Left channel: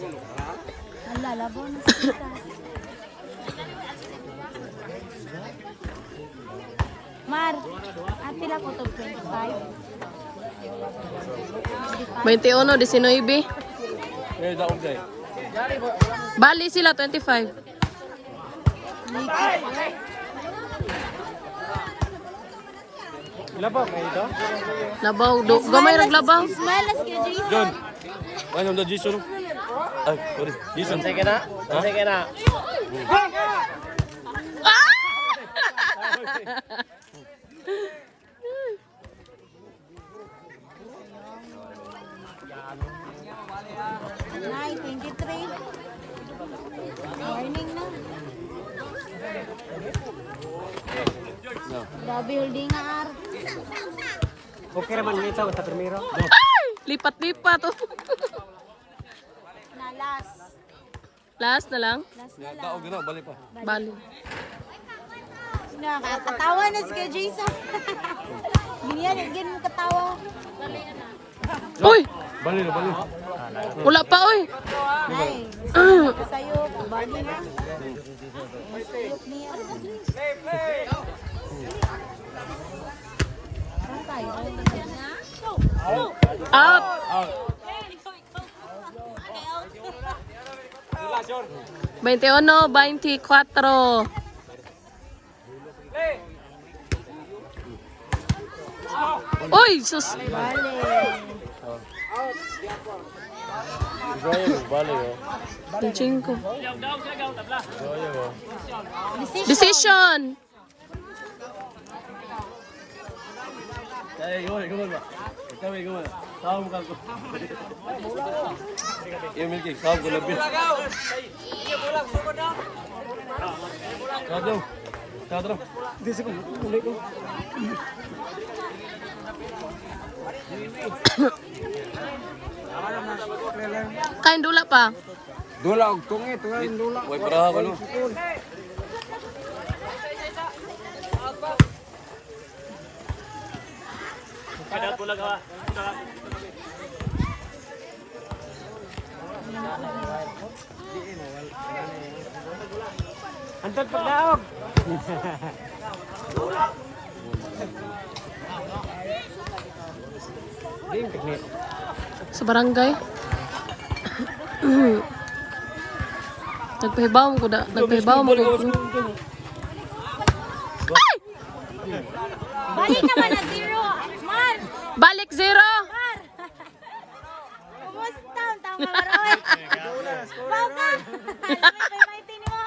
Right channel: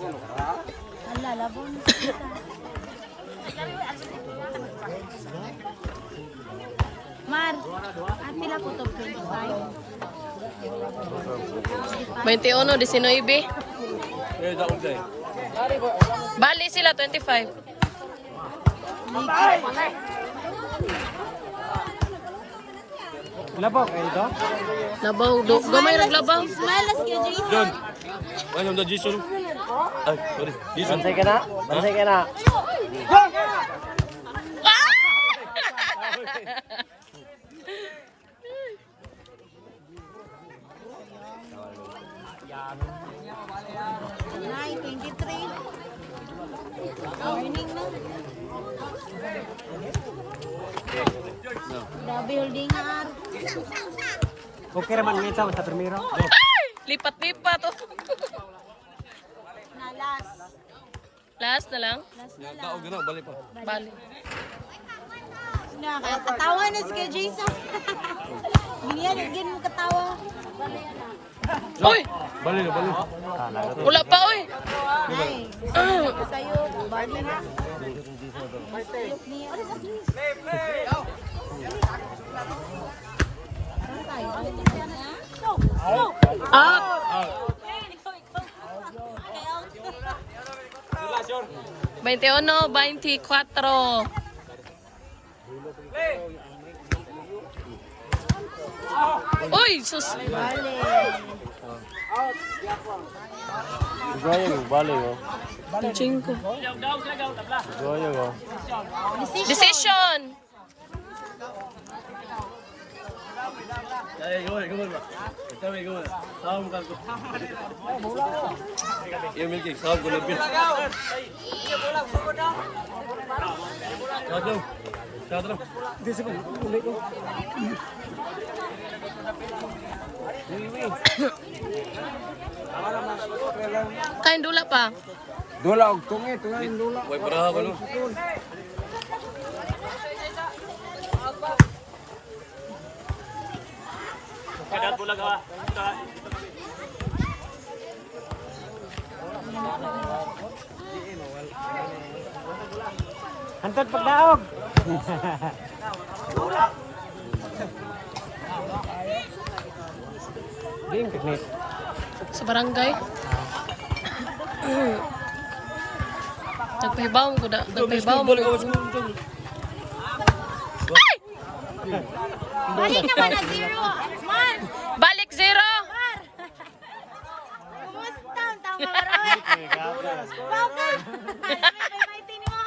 Ala, labo na. Mar, atila po to 25. 21, 19. Bali sila 25. Labaw kayo ito? Labaw, gamay naglabaw. Smiles kay Jason. Ano ang Jason? Oh, sorry. Jason. Ansay ka na? Ansay ka na? Ay, 23. Morning na. Grabe holding nga ar. Okay ra bang ito sa primero? Lipat-lipat. Na last. Last na lang. Last na Ya, lang. daog gina balik pa. Bali. Nakakatawa na si Kuya Jason. Ganyan, ganyan mo katawa. Uy! Balik na balik. Wala pa, uy! Ay, sa'yo. Bali na. Out! 21, 24. Uy, sus! Bali. Balik. Cinco. Decision! Ay, gumul. Ito may gumul. Saum ka ko. Yung milky, saum ko lebih. Satu. Satu. Disi ko. Ulit ko. Kain dula pa. Dula og tungi, tungi dula. Way paraha ko no. Kadat bulag ha. Hantad pagdaog. Game technique. Sa barangay. Nagpahibaw ko da. Nagpahibaw mo ko. Ay! Balik naman na 0. Man! Balik 0! Kumusta ang tama maroy? Baka! Lamay ni mo.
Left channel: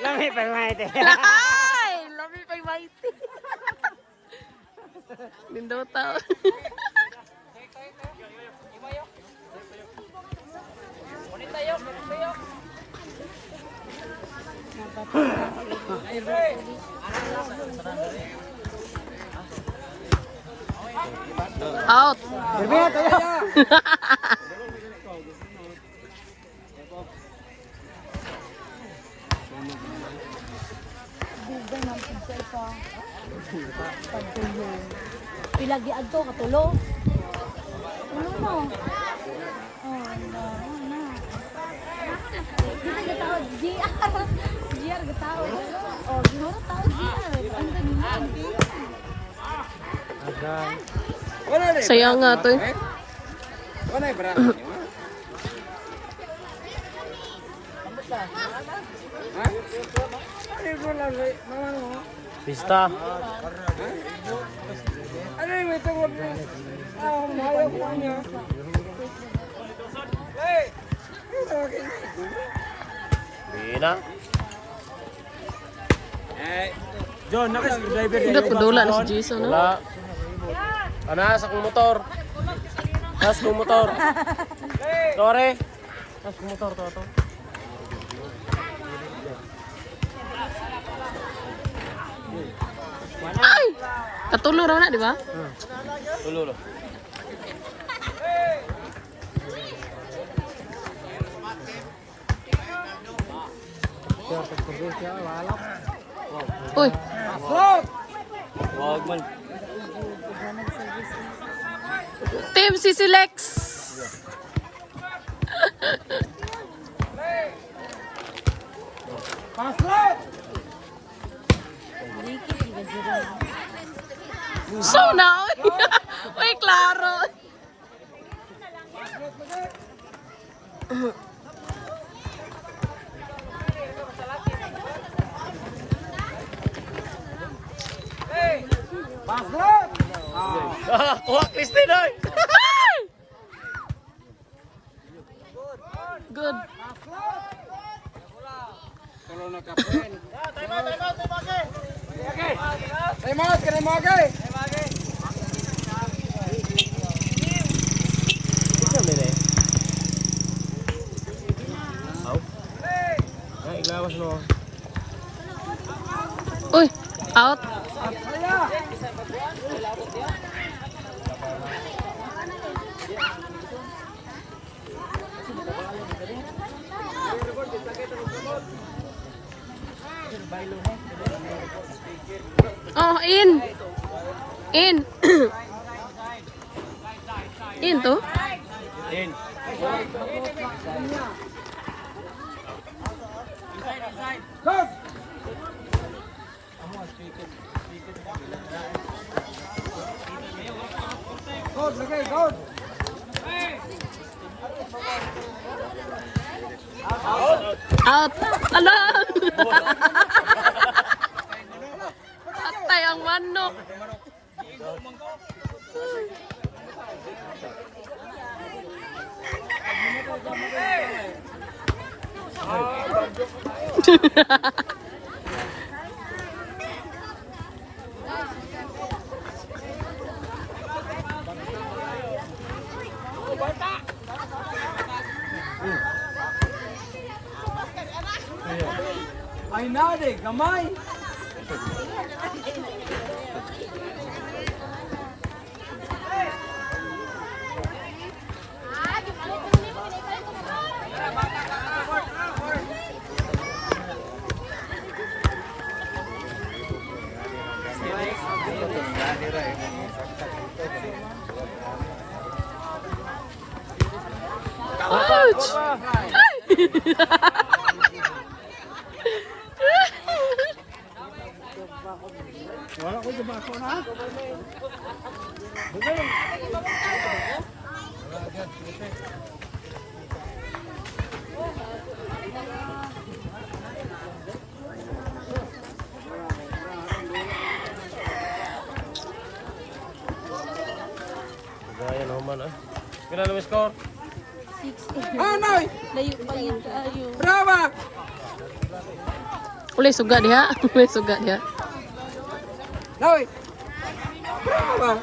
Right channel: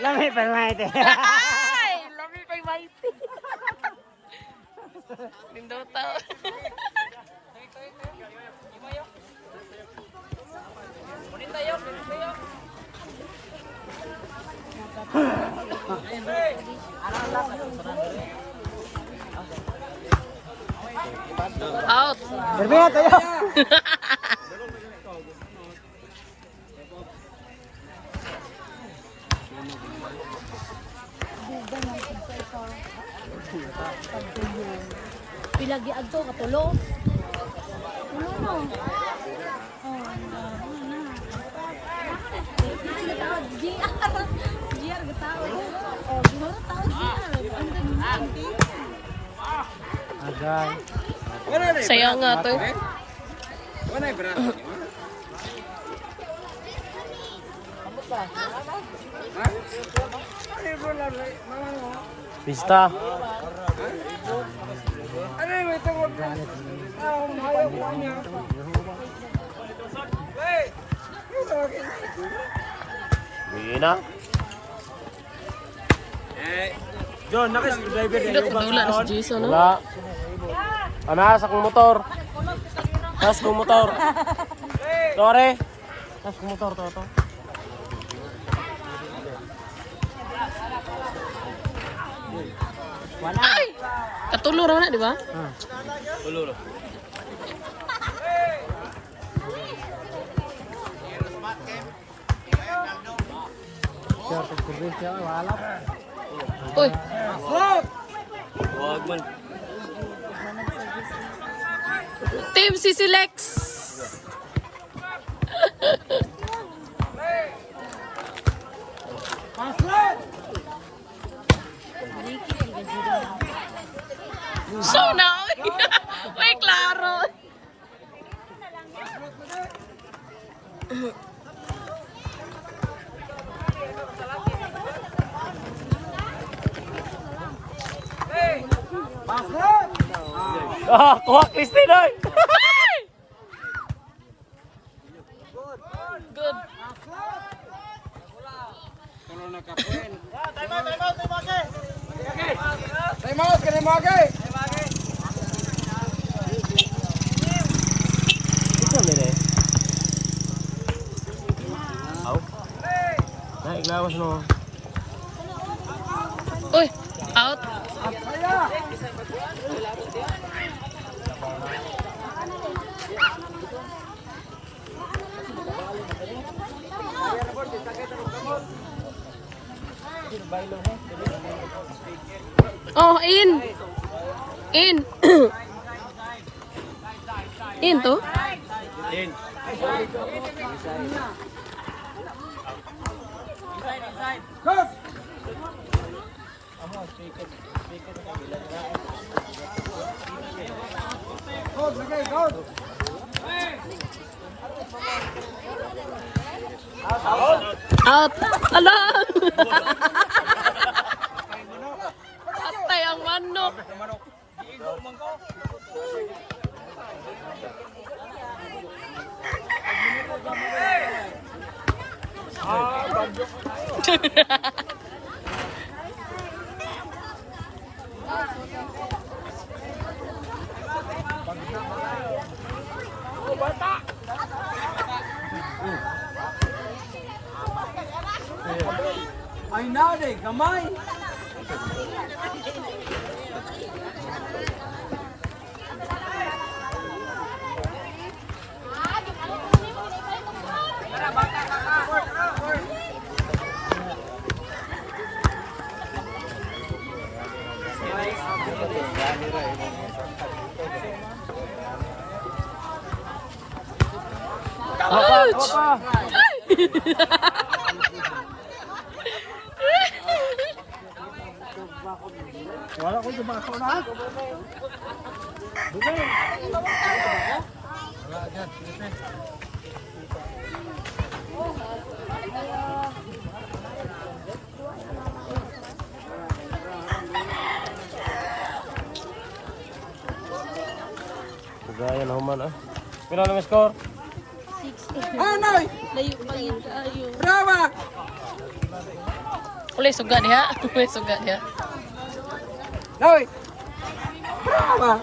Lami pa maite. Ay! Lami pa yung maiti. Lindota. Out. Berbeda tayo. Pilagi adto katulo. Ano? Oh, na. Kita gitawag GR. GR gitawag. Oh, gimana tahu GR? Ang ganda. Sayang nga to. Wala bra. Pista. Bina. John, naka-driver Hindi ko dula na si Jason, no? Ana, sa kong motor. Sa kong motor. Sorry. Sa kong motor to. Ay! Katulo raw na, di ba? Tulo. Uy! Wag man. Team Sisi Lex! Ah, kuha Christine oy. Good. Kalau nakapuin. Remote, kena magai. Ay, gawas no. Uy, out. Oh, in. In. In to? In. Go. Go, lagay, go. Out. Ala. Patay ang manok. Ay na, de, gamay. Ouch! Wala ko di bako na. Gaya naman ah. Pila na score? 6. Oh, noy. Layo bangin tayo. Brava. Ulay suga dia. Ulay suga dia. Noy. Brava.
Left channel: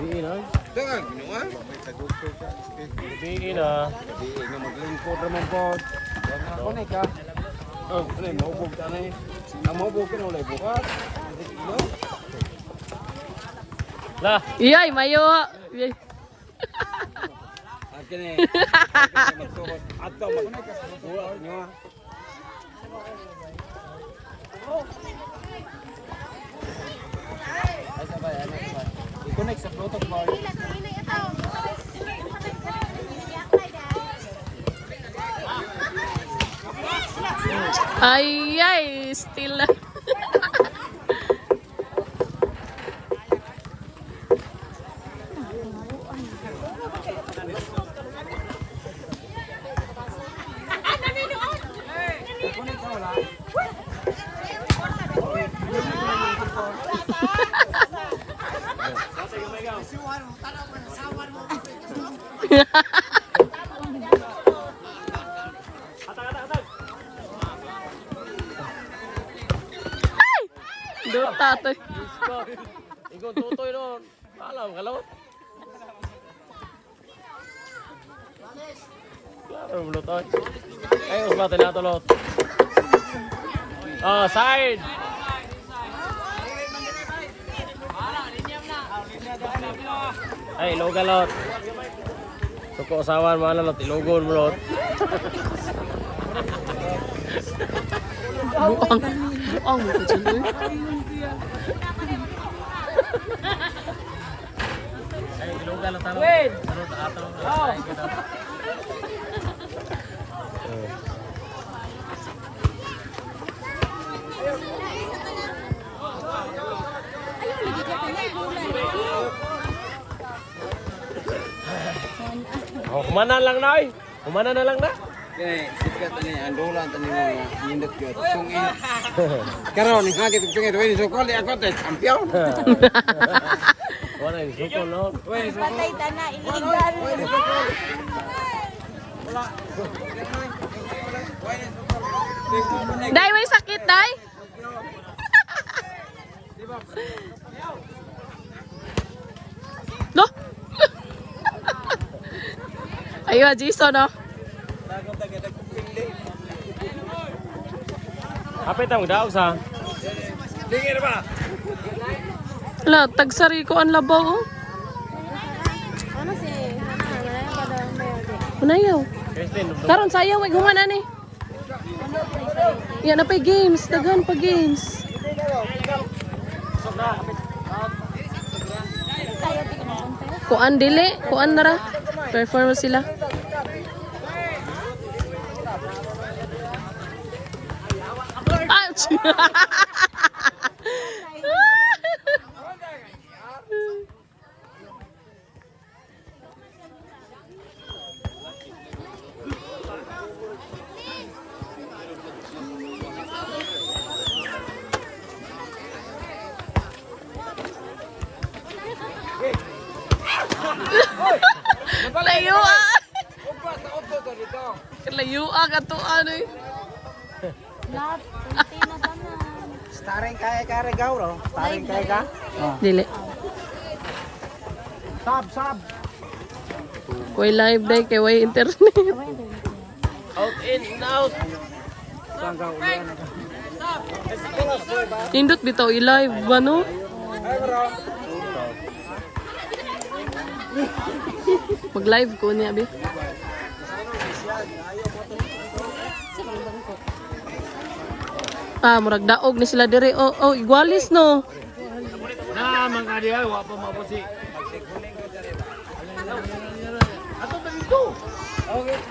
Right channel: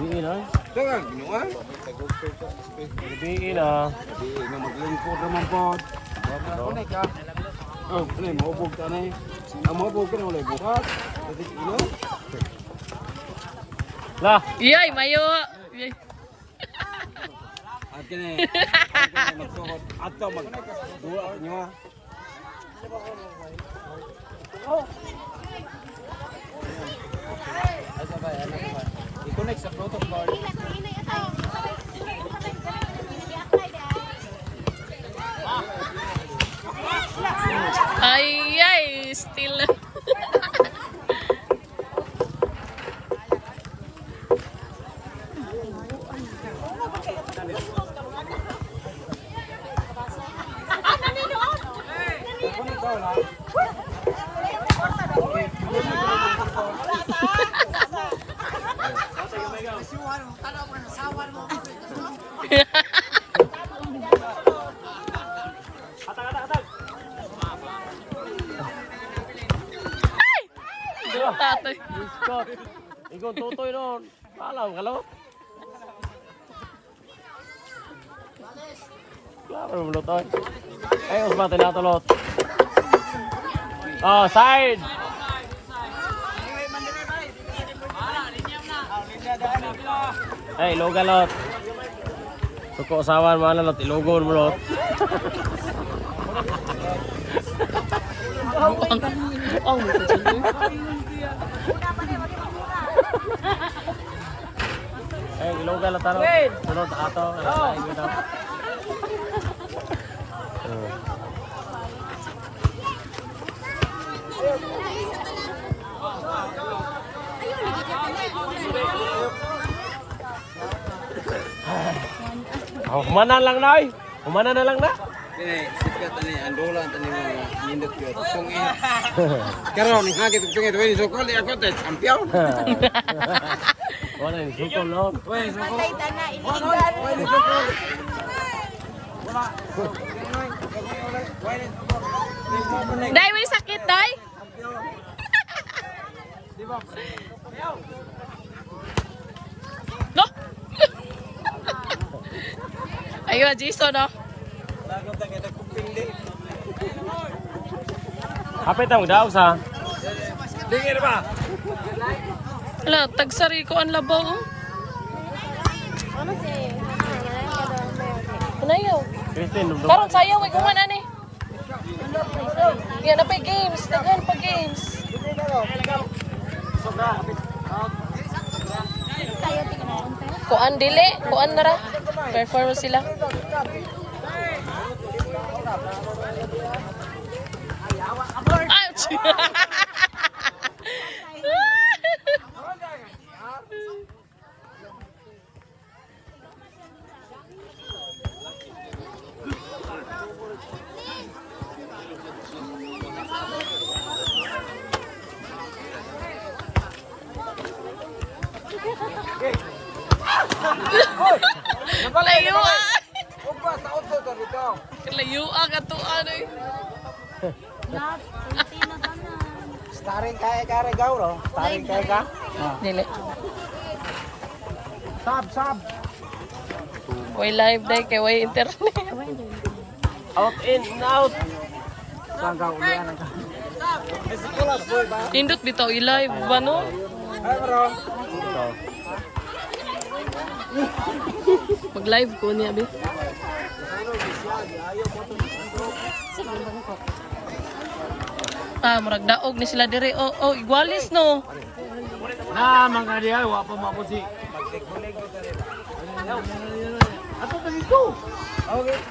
Biin ah. Tawag, ginawa. Biin ah. Di nga maglingkod naman po. Kunay ka. Oh, kunay maubog ka na eh. Ang maubog ka na ulit bukas. Lah. Iyay, mayo. Iyay. Akin eh. Ato mag. Dua nyo. I-connect sa Bluetooth bar. Ay, ay, still. Doon tatay. Ikaw tutoy noon. Alam ka lo. Klaro mo lutoy. Ayos mga tinatulot. Ah, side. Ay, iloga lot. Suko usawan mo lot, ilogon mo lot. Buang mo ko dyan. Ay, iloga lot talo. Sunod ato. Umana lang na ay. Umana na lang na. Eh, sikat ni andolan tani mga nindot ko. Kung ina. Karon ni hagi kung pingit wing sokol ako te champion. Wala yung sukol no. Patay tana iligal. Day, may sakit, Day. No? Ayo, Jason, no? Kapit ang daw sa. Wala, tagsari ko ang labaw, oh. Ano yun? Karon sayaw, wag human ani. Yan na pa games, daghan pa games. Kuan dili, kuan nara. Perform sila. Ouch! Layua! Opa sa auto to dito. Layua ka to ano eh. Lab, kunti na ba na? Staring kaya gauro. Staring kaya ka. Dili. Sab. Way live day kay way internet. Out in out. Sanggang ulan. Indot bitaw i-live ba no? Mag-live ko niya bi. Murag daog ni sila dire. Oh, igualis no. Na mga diya wa pa mapusi. Ako pa dito. Okay.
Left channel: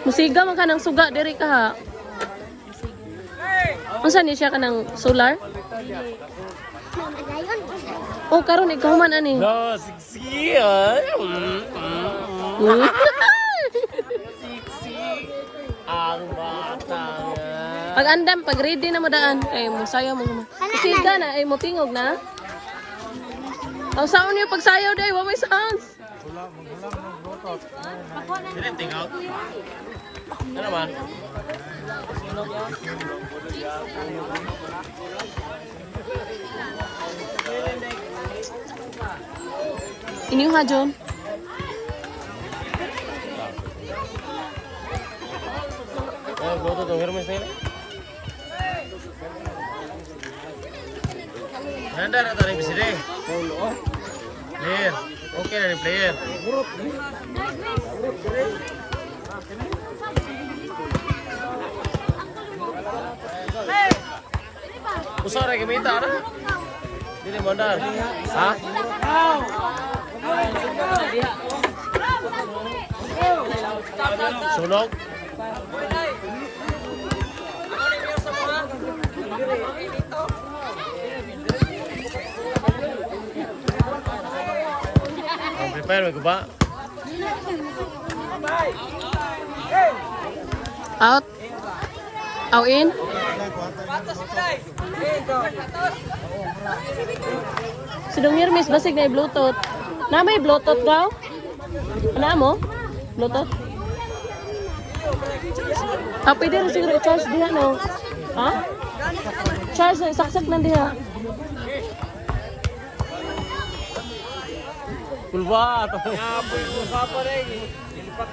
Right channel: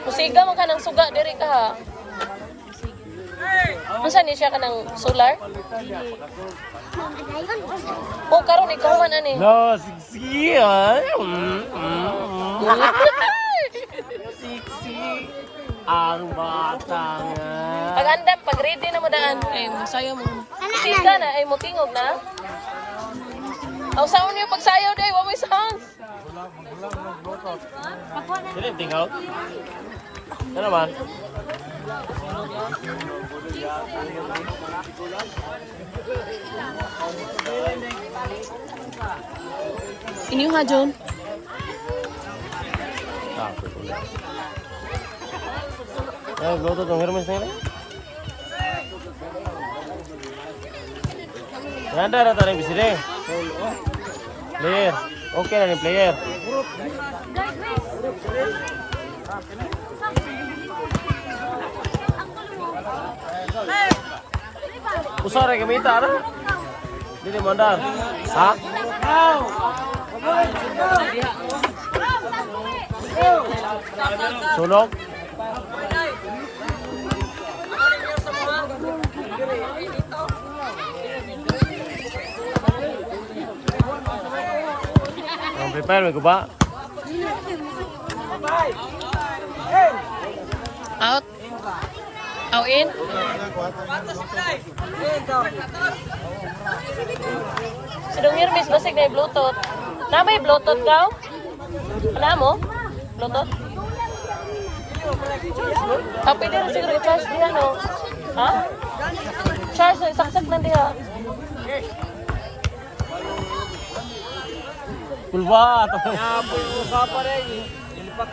Musiga man ka ng suga diri ka ha. Unsa ni siya ka ng solar? Oh, karon ikaw man ani. No, siksi ay. Siksi ang batang. Pag andam, pag ready na mo daan, ay musayaw mo. Musiga na ay mutingog na. Aw sound niyo pag sayaw day, wa may sounds. Dili tingaw. Ano ba? Ini yung John. Ya, bloto tong Hermes ni. Nanda rata rin bisire. Player. Okay na ni player. Usara gamita ara. Dili mandar. Ha? Ow! Sunog. Ang prepare mo ko ba? Out. Out in. Si Dong Hermes basig na Bluetooth. Na may Bluetooth daw? Ano mo? Bluetooth? Pwede rin siguro i-charge diha no? Ha? Charge na, saksak na diha. Pulwa to. Pulwa pa rin. Ilipak